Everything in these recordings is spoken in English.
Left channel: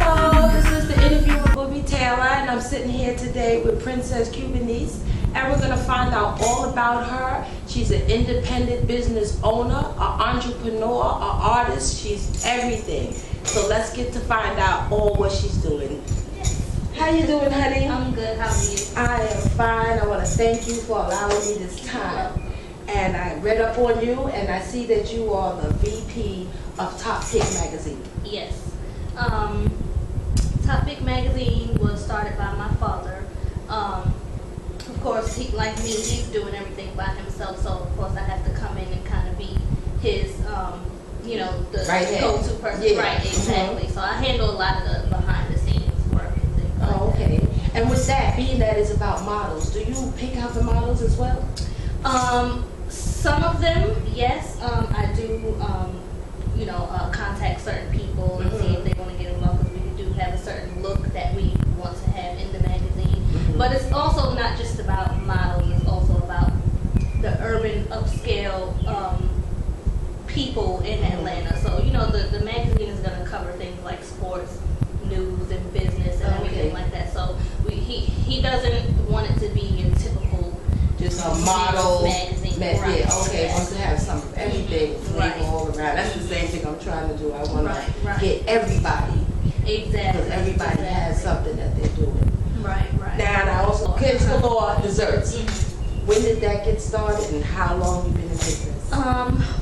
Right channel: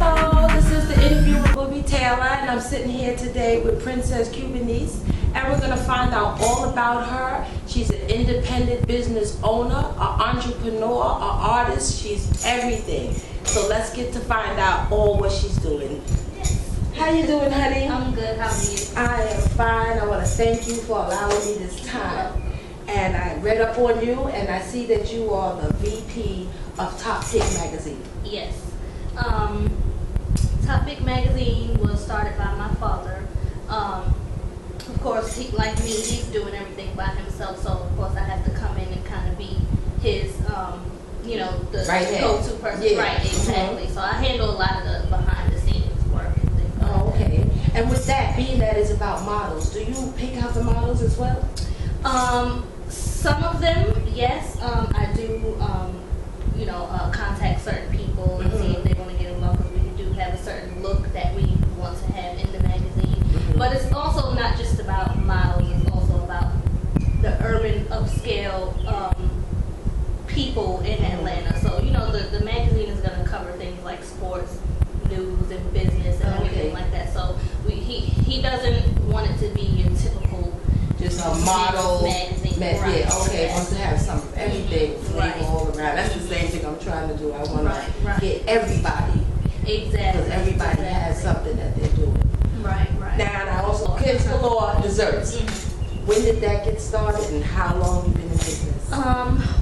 Hello, this is the interview with Bubby Taylor, and I'm sitting here today with Princess Cubanese, and we're going to find out all about her. She's an independent business owner, an entrepreneur, an artist. She's everything. So let's get to find out all what she's doing. How you doing, honey? I'm good. How are you? I am fine. I want to thank you for allowing me this time. And I read up on you, and I see that you are the VP of Top Pick Magazine. Yes. Top Pick Magazine was started by my father. Of course, he, like me, he's doing everything by himself. So of course, I have to come in and kind of be his, you know, the Right go-to person. Yeah. Right, exactly. So I handle a lot of the behind-the-scenes work and things like Oh, that. okay. And with that, being that it's about models, do you pick out the models as well? Some of them, yes. I do, you know, contact certain people and see if they want to get involved, because we do have a certain look that we want to have in the magazine. But it's also not just about models, it's also about the urban upscale people in Atlanta. So, you know, the magazine is going to cover things like sports, news, and business and everything like that. So he doesn't want it to be your typical Just a model magazine. Right. Yeah, okay. Yes. Wants to have some of everything Right. all around. That's the same thing I'm trying to do. I want to get everybody, Exactly. because everybody has something that they're doing. Right. Now, and I also Kids Galore desserts. When did that get started, and how long you been in business?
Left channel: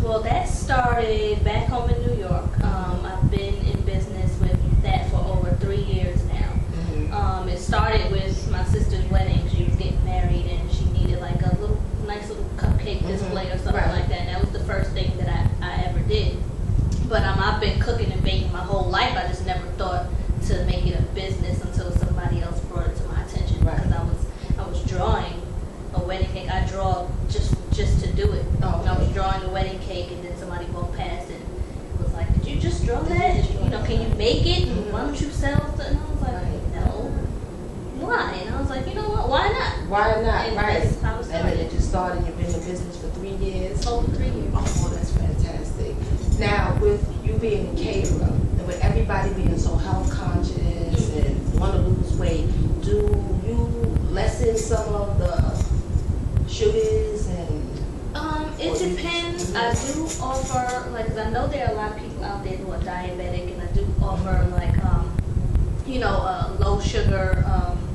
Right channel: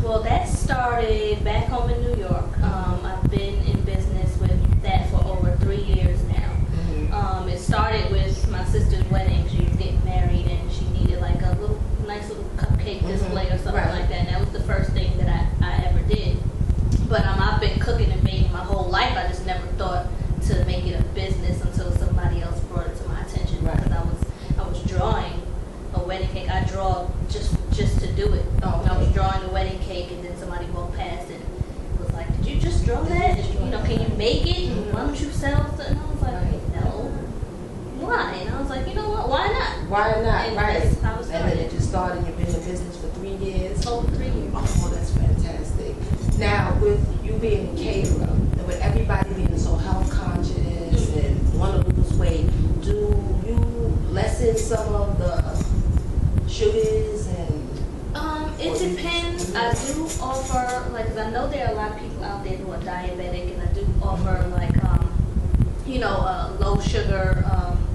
Well, that started back home in New York. I've been in business with that for over 3 years now. It started with my sister's wedding. She was getting married, and she needed like a nice little cupcake display or something like that. And that was the first thing that I ever did. But I've been cooking and baking my whole life. I just never thought to make it a business until somebody else brought it to my attention. Because I was drawing a wedding cake. I draw just to do it. Oh, okay. I was drawing a wedding cake, and then somebody walked past and was like, "Did you just draw that? You know, can you make it? Why don't you sell it?" And I was like, "No." Why? And I was like, you know what? Why not? Why not? And Right. that's how it And started. then it just started. You've been in business for 3 years. Over 3 years. Oh, that's fantastic. Now, with you being a caterer, and with everybody being so health conscious and want to lose weight, do you lessen some of the sugars and? It depends. I do offer, like, 'cause I know there are a lot of people out there who are diabetic, and I do offer, like, you know, low sugar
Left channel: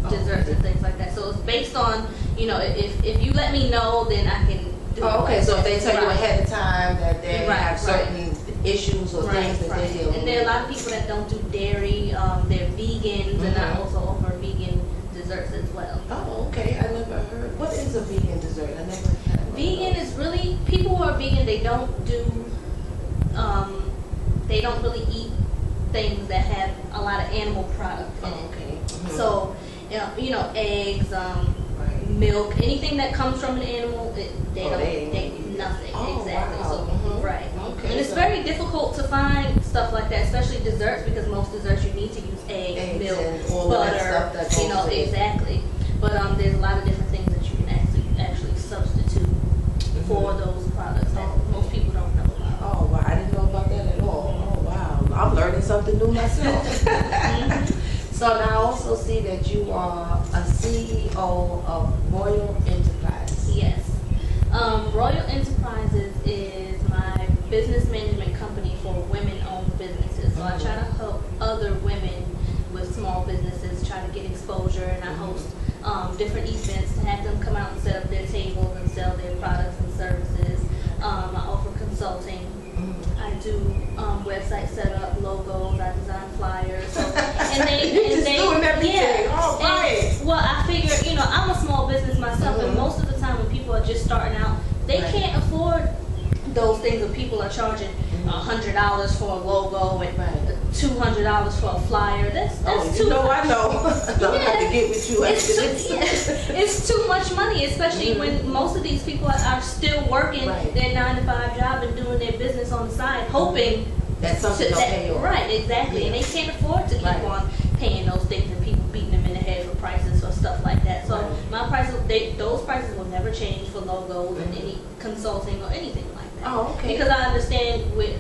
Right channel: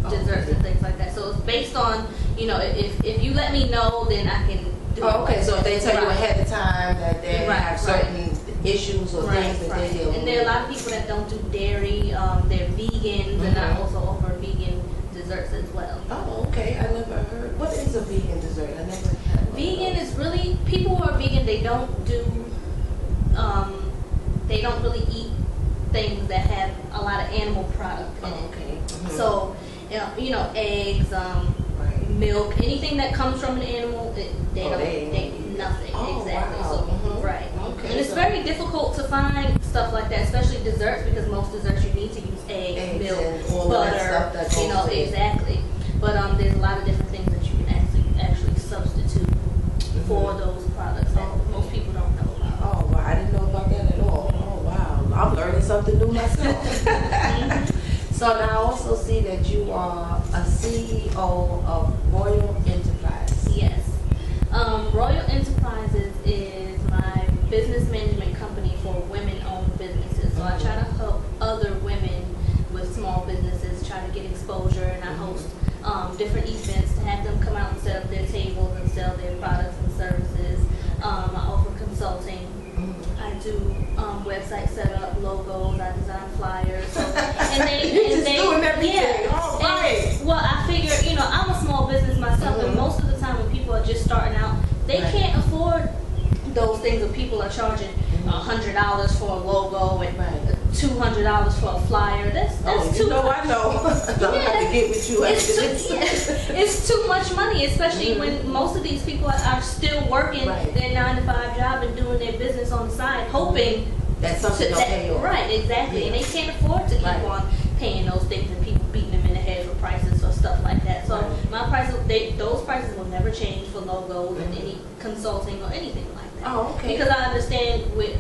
desserts and things like that. So it's based on, you know, if you let me know, then I can do it. Oh, okay. So if they tell you ahead of time that they Right, have certain issues or things that they deal with. And there are a lot of people that don't do dairy. They're vegans, and I also offer vegan desserts as well. Oh, okay. I never heard. What is a vegan dessert? I never had one. Vegan is really, people who are vegan, they don't really eat things that have a lot of animal product in it. Oh, okay. So, you know, eggs, milk, anything that comes from an animal, nothing. Oh, exactly. wow. So, right. Okay. And it's very difficult to find stuff like that, especially desserts, because most desserts you need to use eggs, milk, and all butter, of that stuff that goes you know, with it. exactly. But there's a lot of different things that you can actually substitute for those products that most people don't know about. Oh, wow. I didn't know about that at all. Oh, wow. I'm learning something new myself. So now I also see that you are a CEO of Royal Enterprise. Yes. Royal Enterprises is my business management company for women-owned businesses. So I try to help other women with small businesses try to get exposure, and I host different events to have them come out and set up their tables and sell their products and services. I offer consulting. I do website setup, logos. I design flyers. So, doing everything. Yeah. All right. Well, I figure, you know, I'm a small business myself, and most of the time when people are just starting out, they can't afford those things. When people are charging $100 for a logo and $200 for a flyer, that's too you know, much. I know. I have to get with you. It's too much money, especially when most of these people are still working their 9-to-5 job and doing their business on the side, hoping that something will pay off. Right, exactly. And they can't afford to keep on paying those things and people beating them in the head for prices for stuff like that. So Right. my prices, those prices will never change for logos and any consulting or anything like that. Oh, okay. Because I understand with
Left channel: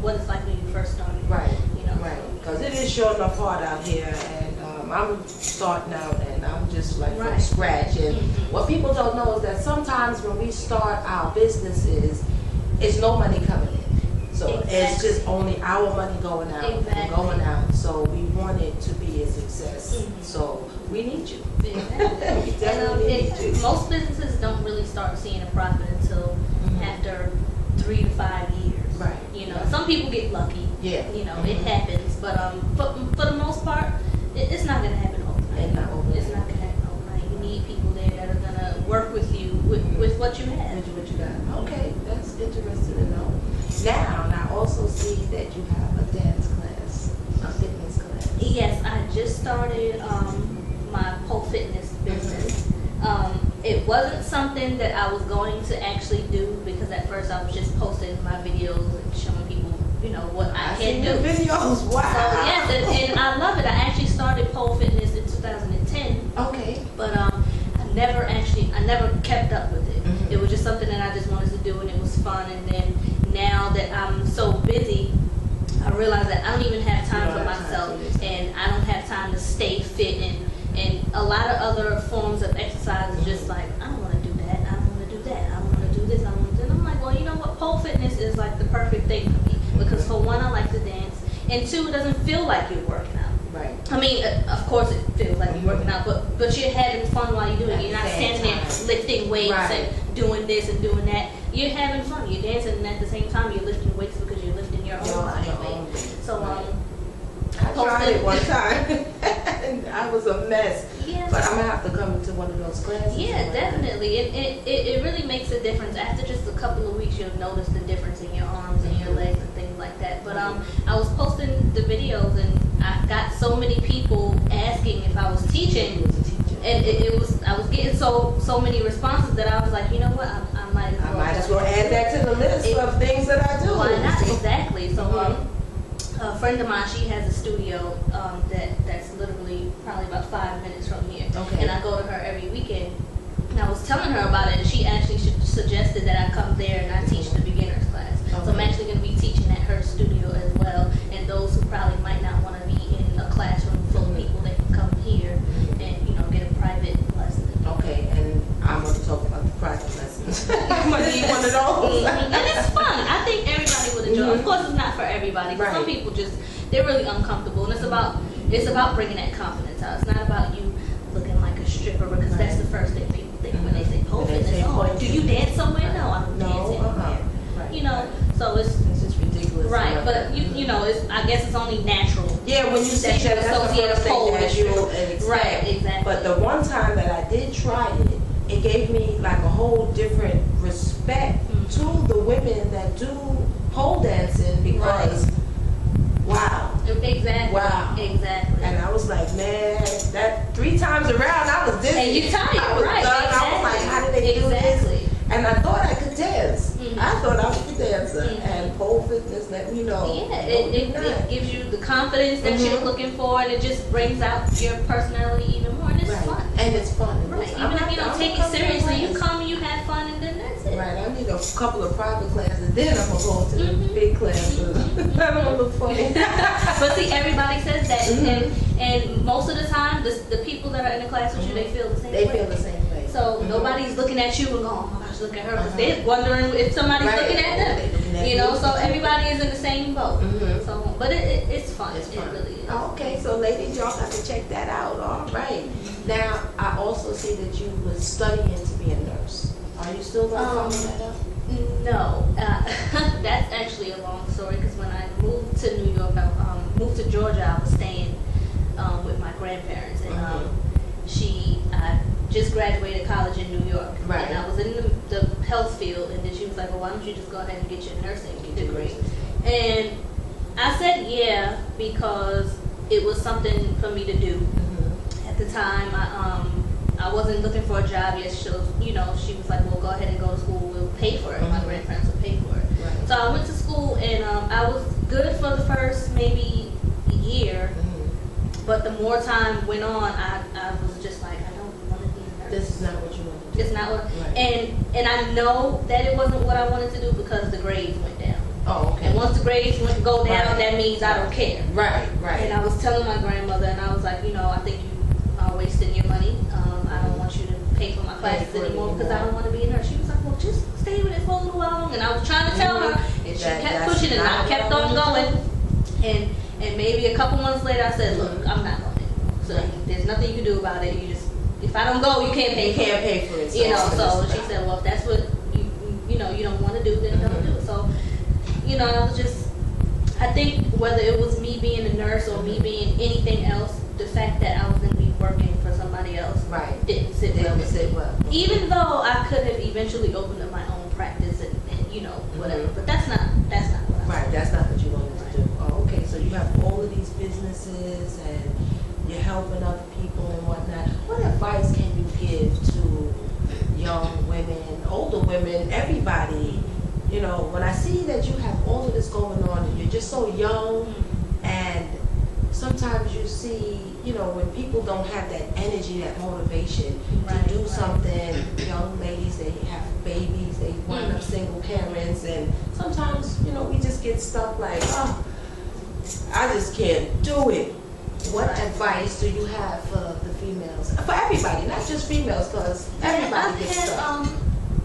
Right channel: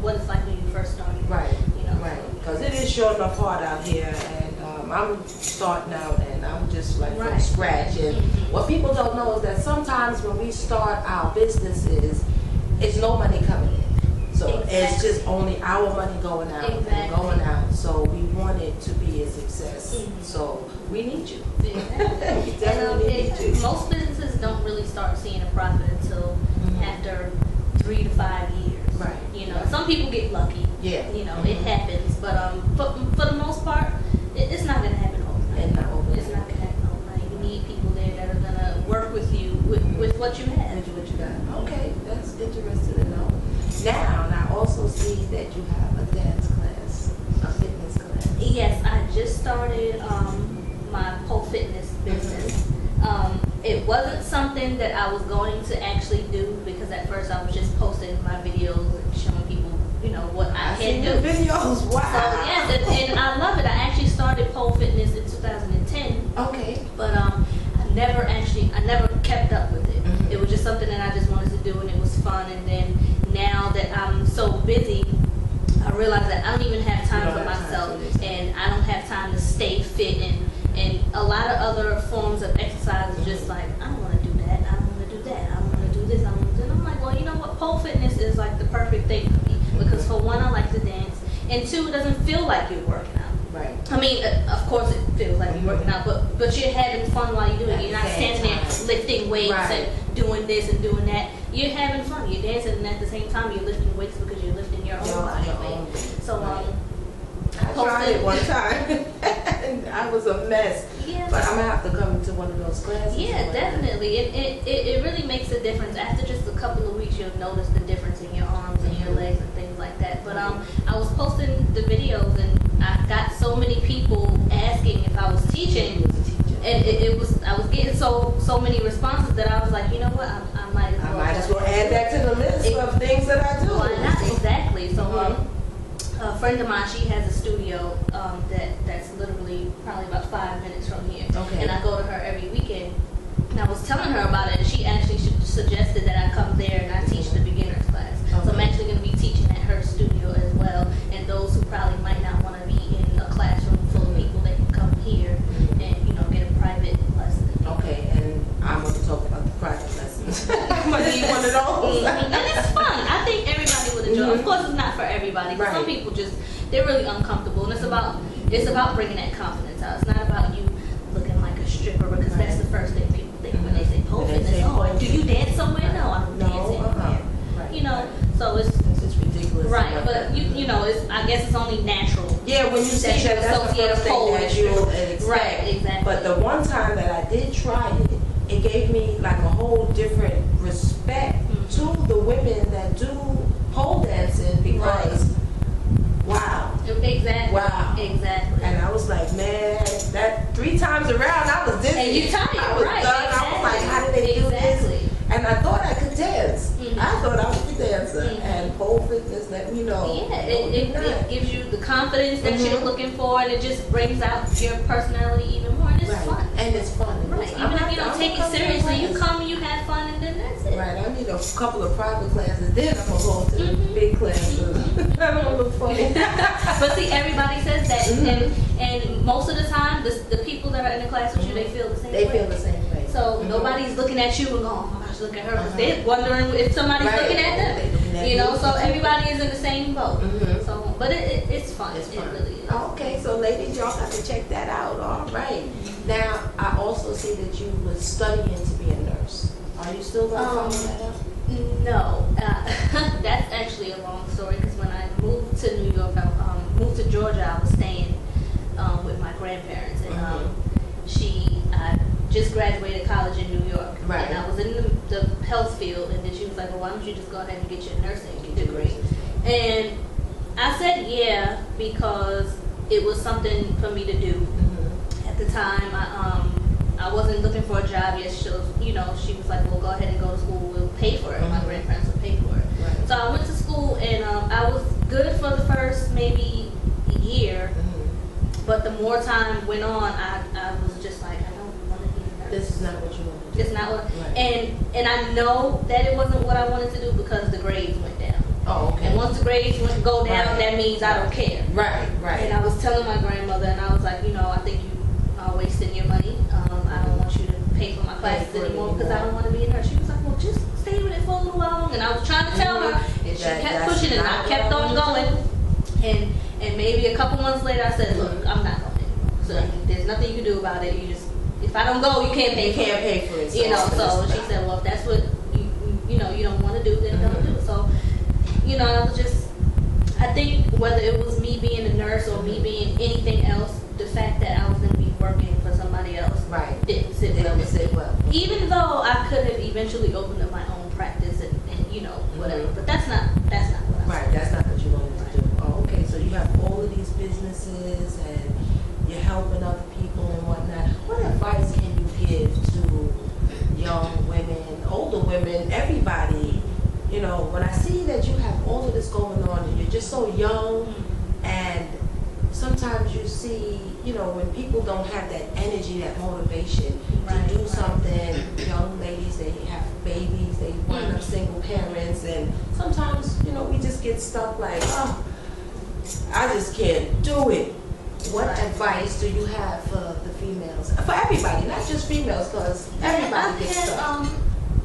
what it's like when you first started. Right. You know. Right. Because it is sure enough hard out here, and I'm starting out, and I'm just like from Right. scratch. And what people don't know is that sometimes when we start our businesses, it's no money coming in. So Exactly. it's just only our money going out and Exactly. going out. So we want it to be a success. So we need you. Exactly. We definitely need you. Most businesses don't really start seeing a profit until after 3 to 5 years. Right. Right. Some people get lucky. Yeah. It happens, but for the most part, it's not gonna happen overnight. And not overnight. It's not gonna happen overnight. You need people there that are gonna work with you with what you have. What you got? Okay, that's interesting to know. Now, and I also see that you have a dance class, a fitness class. Yes, I just started my pole fitness business. It wasn't something that I was going to actually do because at first I was just posting my videos and showing people, what I seen can your do. videos. Wow. So yes, and I love it. I actually started pole fitness in 2010, Okay. but I never kept up with it. It was just something that I just wanted to do, and it was fun. And then now that I'm so busy, I realize that I don't even have time for myself, and I don't have time to stay fit, and a lot of other forms of exercise is just like, I don't want to do that, I don't want to do that, I don't want to do this, I don't want to do that. And I'm like, well, you know what, pole fitness is like the perfect thing for me, because for one, I like to dance, and two, it doesn't feel like you're working out. Right. I mean, of course it feels like you're working out, but you're having fun while you're doing it. You're not standing there lifting weights and doing this and doing that. You're having fun. You're dancing, and at the same time, you're lifting weights because you're lifting your own body weight. So, I tried it one time, and I was a mess. Yeah. But I'm gonna have to come to one of those classes. Yeah, definitely. It really makes a difference. After just a couple of weeks, you'll notice the difference in your arms and your legs and things like that. But I was posting the videos, and I got so many people asking if I was teaching. And I was getting so many responses that I was like, you know what, I might as well add that to the list of things that I do. Why not? Exactly. So a friend of mine, she has a studio that's literally probably about 5 minutes from here. Okay. And I go to her every weekend. And I was telling her about it, and she actually suggested that I come there and I teach the beginners class. Okay. So I'm actually going to be teaching at her studio as well. And those who probably might not want to be in a classroom full of people, they can come here and get a private lesson. Okay, and I'm going to talk about the private lessons. I'm going to need one of those. And it's fun. I think everybody would enjoy it. Of course, it's not for everybody. Right. Some people they're really uncomfortable, and it's about bringing that confidence out. It's not about you looking like a stripper, because that's the first thing people think when they say pole fitness. Oh, do you dance somewhere? No, I don't dance anywhere. Right. So it's just ridiculous. right, but I guess it's only natural. Yeah, when you say that, that's the first thing that you'll expect. Right, exactly. But the one time that I did try it, it gave me like a whole different respect to the women that do pole dancing, because wow. Exactly. Wow. Exactly. And I was like, man, that 3 times around I was dizzy. And you tired, I was right? done. Exactly. I was like, how did they do this? And I thought I could dance. I thought I was a dancer, and pole fitness let me know. Yeah, it gives you the confidence that you're looking for, and it just brings out your personality even more, and it's fun. And it's fun. Right. Even if you don't take it seriously, you come and you have fun, and then that's it. Right. I need a couple of private classes, then I'm gonna go to the big classes. I don't look funny. But see, everybody says that, and most of the time, the people that are in the class with you, they feel the same way. They feel the same way. So nobody's looking at you and going, oh my gosh, look at her, because they're wondering if somebody's looking at them. So everybody is in the same boat. So, but it's fun. It really is. Okay, so ladies, y'all got to check that out. All right. Now, I also see that you were studying to be a nurse. Are you still going to follow that up? No, that's actually a long story, because when I moved to New York, I moved to Georgia, I was staying with my grandparents, and I just graduated college in New York, Right. and I was in the health field, and then she was like, well, why don't you just go ahead and get your nursing degree? And I said yeah, because it was something for me to do. At the time, I wasn't looking for a job yet. She was like, well, go ahead and go to school, we'll pay for it. My grandparents will pay for it. Right. So I went to school, and I was good for the first maybe year, but the more time went on, I was just like, her. This is not what you want to do. It's not what, Right. and I know that it wasn't what I wanted to do because the grades went down. Oh, okay. And once the grades go down, Right. that means I don't care. Right, right. And I was telling my grandmother, and I was like, I think you are wasting your money. I don't want you to pay for my classes for it anymore because I don't want to be a nurse. She was like, well, just stay with it for a little while. And I was trying to tell her, and she kept pushing it, and I kept on going. And maybe a couple months later, I said, look, I'm not going anymore. So there's nothing you can do about it. You just, if I don't go, you can't pay for it. You can't pay for it. So she said, well, if that's what you don't want to do, then don't do it. So, I was just, I think whether it was me being a nurse or me being anything else, the fact that I was going to be working for somebody else didn't sit well with me. Even though I could have eventually opened up my own practice and whatever, but that's not what I Right, that's not what you wanted to do. Oh, okay, so you have all of these businesses and you're helping other people and whatnot. What advice can you give to young women, older women, everybody? When I see that you have all of this going on and you're just so young, and sometimes you see, when people don't have that energy, that motivation to do something. Young ladies, they have babies, they wind up single parents, and sometimes, we just get stuck like, oh, I just can't do it. What advice do you have for the females? For everybody, not just females, because everybody gets stuck.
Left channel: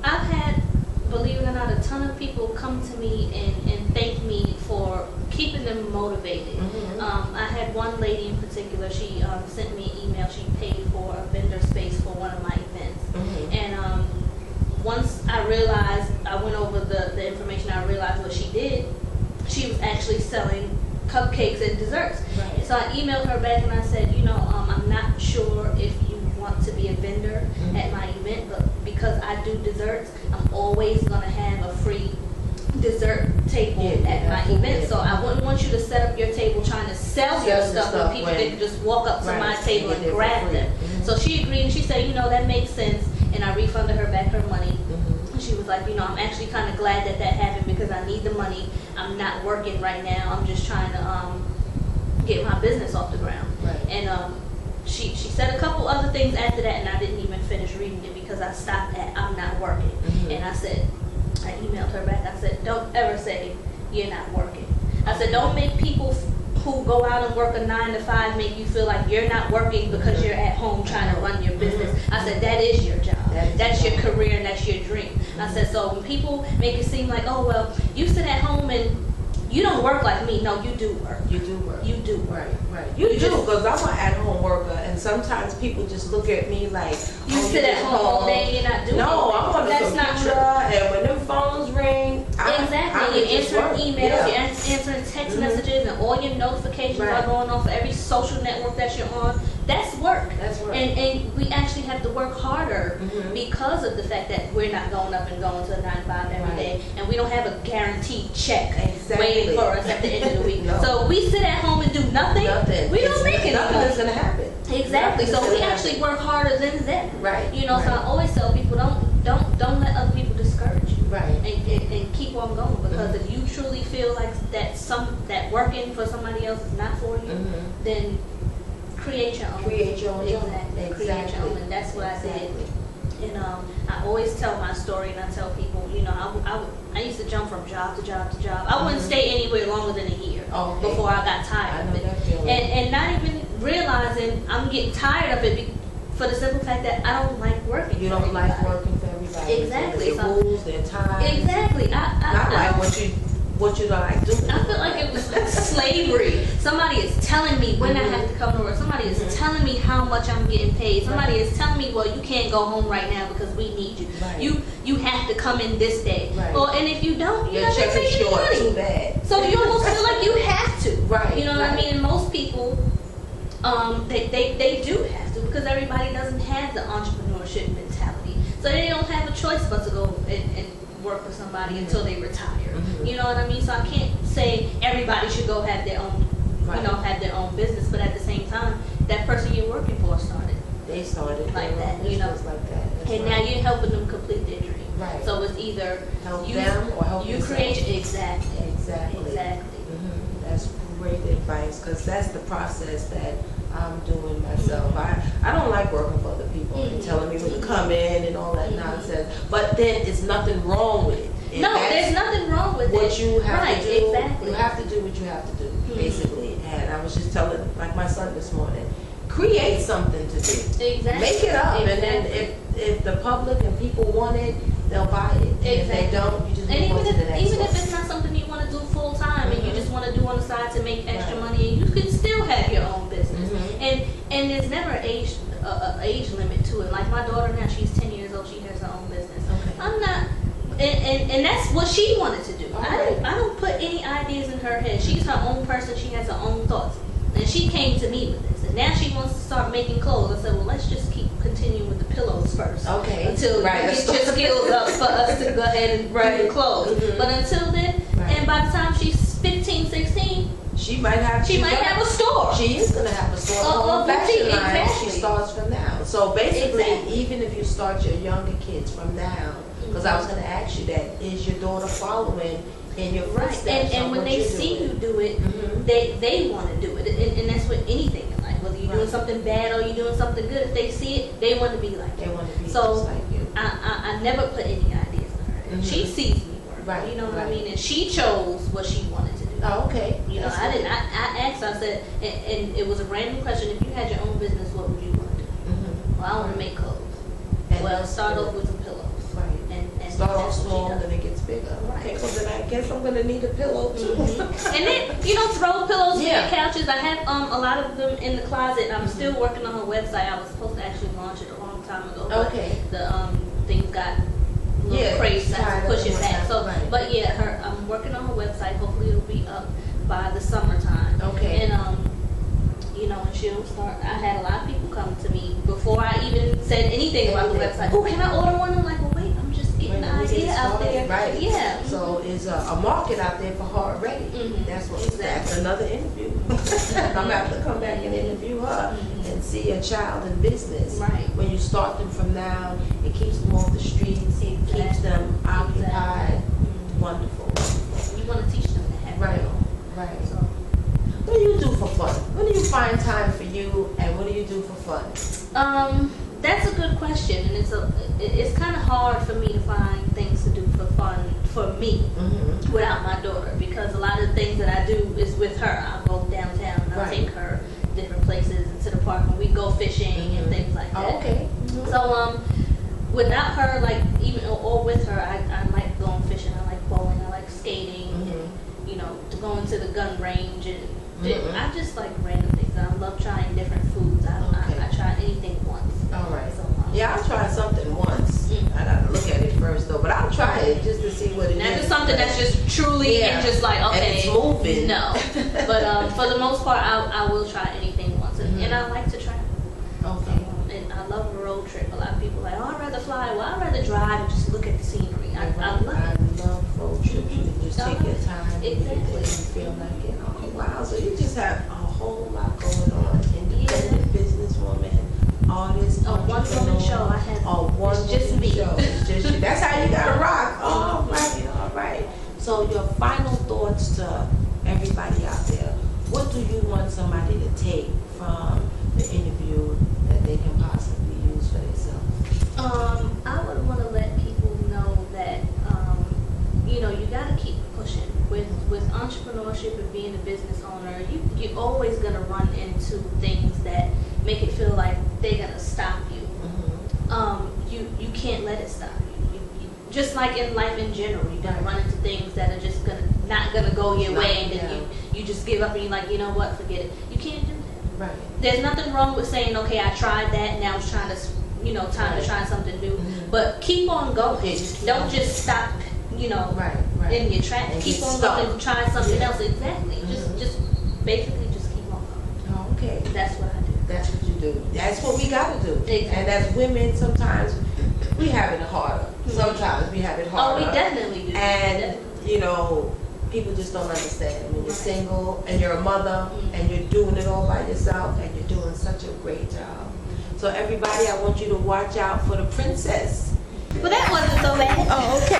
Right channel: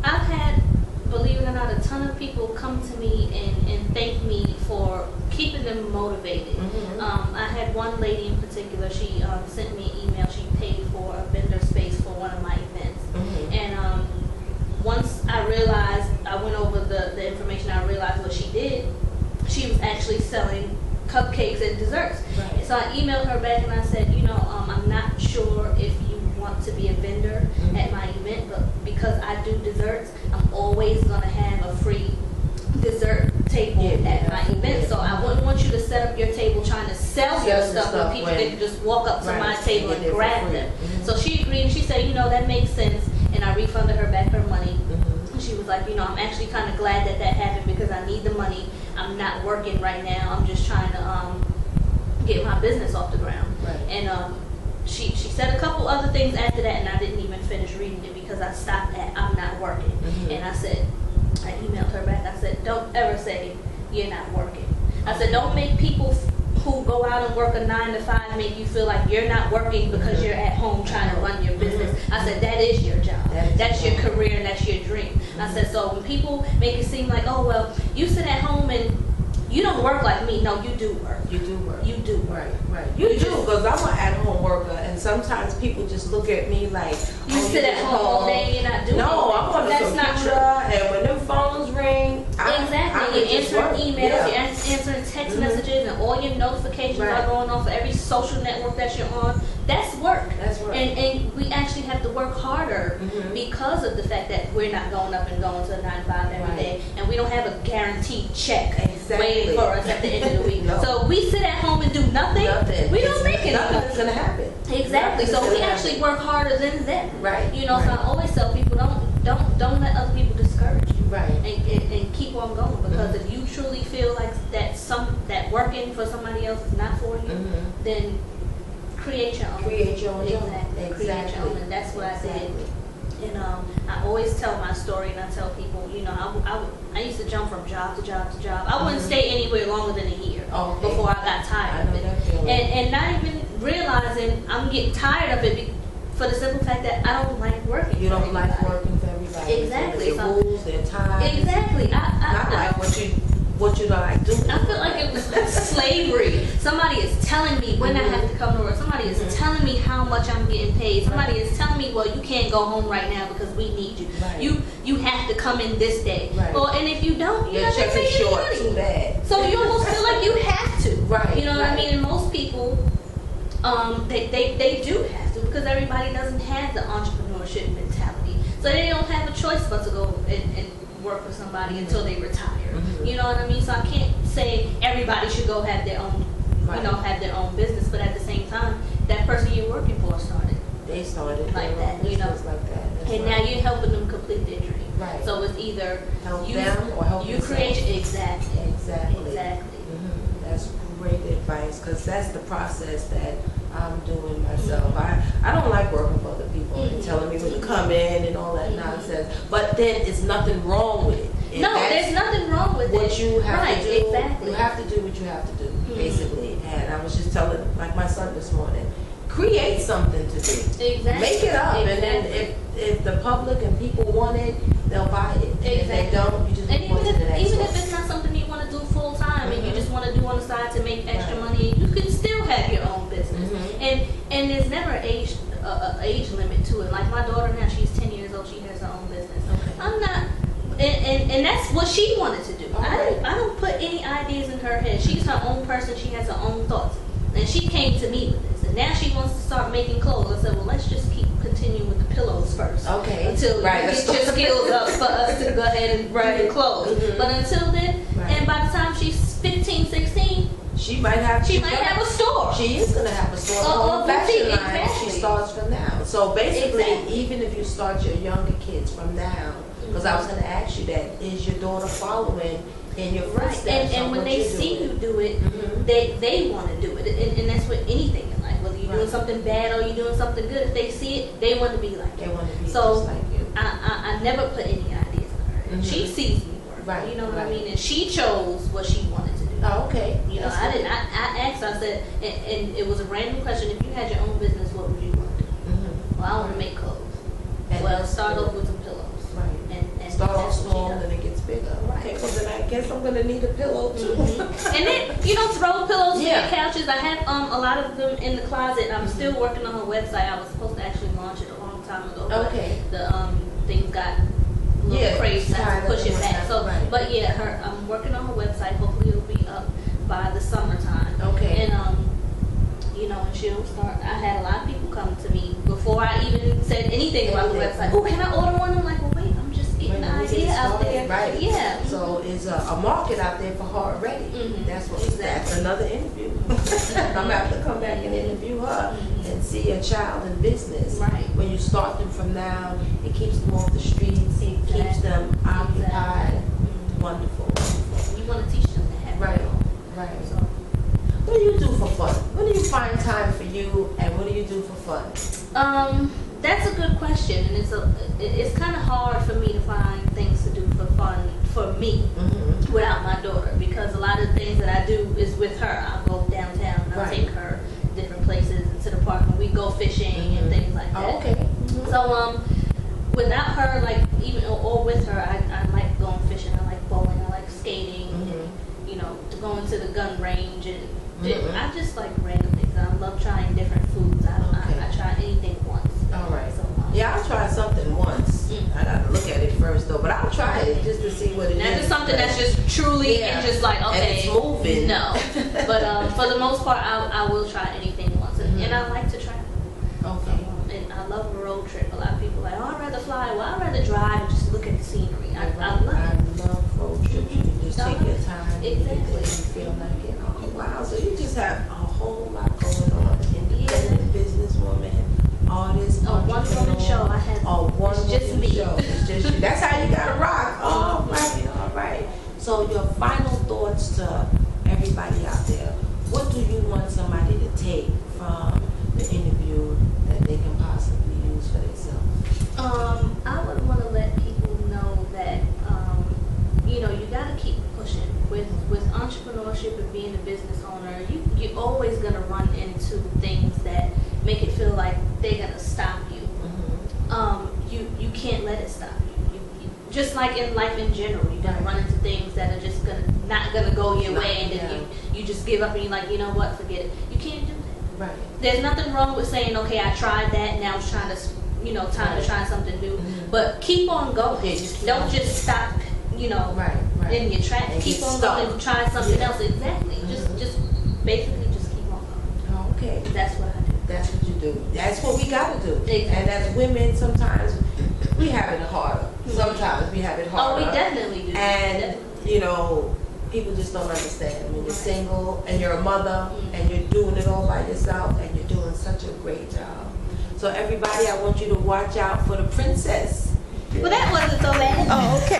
I've had, believe it or not, a ton of people come to me and thank me for keeping them motivated. I had one lady in particular, she sent me an email. She paid for a vendor space for one of my events. And once I realized, I went over the information, I realized what she did. She was actually selling cupcakes and desserts. Right. So I emailed her back and I said, I'm not sure if you want to be a vendor at my event, but because I do desserts, I'm always going to have a free dessert table at my event. So I wouldn't want you to set up your table trying to sell your stuff when people can just walk up to my table and grab them. So she agreed and she said, that makes sense, and I refunded her back her money. She was like, I'm actually kind of glad that happened because I need the money. I'm not working right now. I'm just trying to get my business off the ground. Right. And she said a couple other things after that, and I didn't even finish reading it because I stopped at I'm not working. And I emailed her back. I said, don't ever say you're not working. I said, don't make people who go out and work a 9 to 5 make you feel like you're not working because you're at home trying to run your business. I said, that is your job. That's your career and that's your dream. I said, so when people make it seem like, oh, well, you sit at home and you don't work like me. No, you do work. You do work. You do work. Right. You do, because I'm an at-home worker, and sometimes people just look at me like, you sit at home all day and you're not doing anything. No, I'm on the computer, not true. and when them phones ring, You're answering emails, you're answering text messages, and all your notifications are going on for every social network that you're on. That's work. That's work. And we actually have to work harder because of the fact that we're not going up and going to a 9 to 5 every day, and we don't have a guaranteed check waiting for us at the end of the week. So we sit at home and do nothing. We don't make anything. Nothing is gonna happen. Exactly. So we actually work harder than them. Right. So I always tell people, don't let other people discourage you. Right. And keep on going, because if you truly feel like that working for somebody else is not for you, then create your own. Create your own. Exactly. Create your own, and that's what I did. And I always tell my story, and I tell people, I used to jump from job to job to job. I wouldn't stay anywhere longer than a year before I got tired of it. And not even realizing I'm getting tired of it for the simple fact that I don't like working. You don't like working for everybody. Exactly. Their rules, their time. Exactly. Not like what you don't like doing. I feel like it was like slavery. Somebody is telling me when I have to come to work. Somebody is telling me how much I'm getting paid. Somebody is telling me, well, you can't go home right now because we need you. Right. You have to come in this day. Right. Well, and if you don't, you're not check making is short. money. Too bad. So you almost feel like you have to. Right. You know what I mean? And most people, they do have to, because everybody doesn't have the entrepreneurship mentality. So they don't have a choice but to go and work for somebody until they retire. You know what I mean? So I can't say everybody should go have their own, have their own business, but at the same time, that person you're working for started. They started like that, like that. And now you're helping them complete their dream. Right. So it's either help them or help you yourself. create exactly. Exactly. Exactly. That's great advice, because that's the process that I'm doing myself. I don't like working for other people and telling me when to come in and all that nonsense. But then it's nothing wrong with it. If No, there's nothing wrong with what it. you have Right, to do. exactly. You have to do what you have to do, basically. And I was just telling, like my son this morning, create something to do. Exactly. Make it up, Exactly. and then if the public and people want it, they'll buy it. And if they don't, you just And move on to the next even one. if it's not something you want to do full time and you just want to do on the side to make extra Right. money, you can still have your own business. Mhm. And there's never age limit to it. Like my daughter now, she's 10 years old. She has her own business. Okay. I'm not. And that's what she wanted to do. Alright. I don't put any ideas in her head. She's her own person. She has her own thoughts. And she came to me with this. And now she wants to start making clothes. I said, well, let's just keep continuing with the pillows first. Okay. Until you Right, get let's your start. skills up for us to go ahead and do Right. the clothes. Mhm. But until then, Right. and by the time she's 15, 16, She might have. she might have a store. She is gonna have a store, A her own boutique, fashion line. exactly. She starts from now. So basically, Exactly. even if you start your younger kids from now, because I was gonna ask you that, is your daughter following in your Right. footsteps? And on when what they you're see doing? you do it, Mhm. they want to do it. And that's with anything in life. Whether you're doing Right. something bad or you're doing something good, if they see it, they want to be like They you. want to be So, just like you. I never put any ideas in her head. Mhm. She sees me work. Right, You know what I right. mean? And she chose what she wanted to do. Oh, okay. You know, That's I good. didn't. I asked her. I said, and it was a random question. If you had your own business, what would you want to do? Mhm. Well, I want to make clothes. And Well, that's start good. off with some pillows. Right. And Start off that's what she small, does. then it gets bigger. Right. Okay, well then I guess I'm gonna need a pillow too. And then, throw pillows for Yeah. your couches. I have a lot of them in the closet. I'm still working on her website. I was supposed to actually launch it a long time ago. But Okay. the things got a little Yeah, crazy. I had tied to push up it and back. whatnot, So, right. but yeah, I'm working on her website. Hopefully, it'll be up by the summertime. Okay. And and she'll start. I had a lot of people come to me before I even said anything about the website. Oh, can I order one? I'm like, well, wait, I'm just getting the When we get idea out started, there. Right. Yeah. So is a market out there for her already. Mhm. That's what. Exactly. That's another interview. I'm gonna have to come back and interview her and see a child in business. Right. When you start them from now, it keeps them off the streets. It keeps Exactly. them occupied. Mhm. Wonderful. You want to teach them to have Right. their own. Right. So, What do you do for fun? When do you find time for you, and what do you do for fun? that's a good question, and it's kind of hard for me to find things to do for fun for me Mm-hmm. without my daughter, because a lot of the things that I do is with her. I'll go downtown and I'll Right. take her different places into the park, and we go fishing and things like that. Oh, okay. So without her, like even or with her, I like going fishing. I like bowling. I like skating. Mhm. To go into the gun range and Mhm. I just like random things. I love trying different foods. Okay. I try anything once. All right. So, Yeah, I'll try something once. Mm. I gotta look at it first though, but I'll try it just to see what it is. Not just something that's just truly Yeah. and just like, okay. And it's moving. No. But for the most part, I will try anything once. And I like to travel. Okay. And I love a road trip. A lot of people are like, oh, I'd rather fly. Well, I'd rather drive and just look at the scenery. I love it. I love road trips. You can just take your time. Exactly. And you feel like it. Oh wow! So you just have a whole lot going on. Independent businesswoman, artist, A one-woman show. I have. A one-woman It's just me. show. It's just you. That's how you gotta rock. All right, all right. So your final thoughts to everybody out there. What do you want somebody to take from the interview that they can possibly use for themselves? I would want to let people know that you got to keep pushing with entrepreneurship and being a business owner. You're always gonna run into things that make it feel like they're gonna stop you. You can't let it stop you. Just like in life in general, you're gonna run into things that are just not gonna go your way, and then you just give up and you're like, you know what, forget it. You can't do that. Right. There's nothing wrong with saying, okay, I tried that, now it's trying to, time to try something new. But keep on going. Yeah, just keep Don't on. just stop, Right. Right. in your tracks. And Keep get on stuck. going and try something Yeah. else. Exactly. Just basically just keep on going. Oh, okay. That's what I do. That's what you do. That's what we gotta do. Exactly. And as women, sometimes we have it harder. Sometimes we have it Oh, harder. we definitely do. And Definitely. people just don't understand when you're Right. single and you're a mother and you're doing it all by yourself and you're doing such a great job. So everybody, I want you to watch out for the princess. Well, that wasn't so bad. Oh, okay.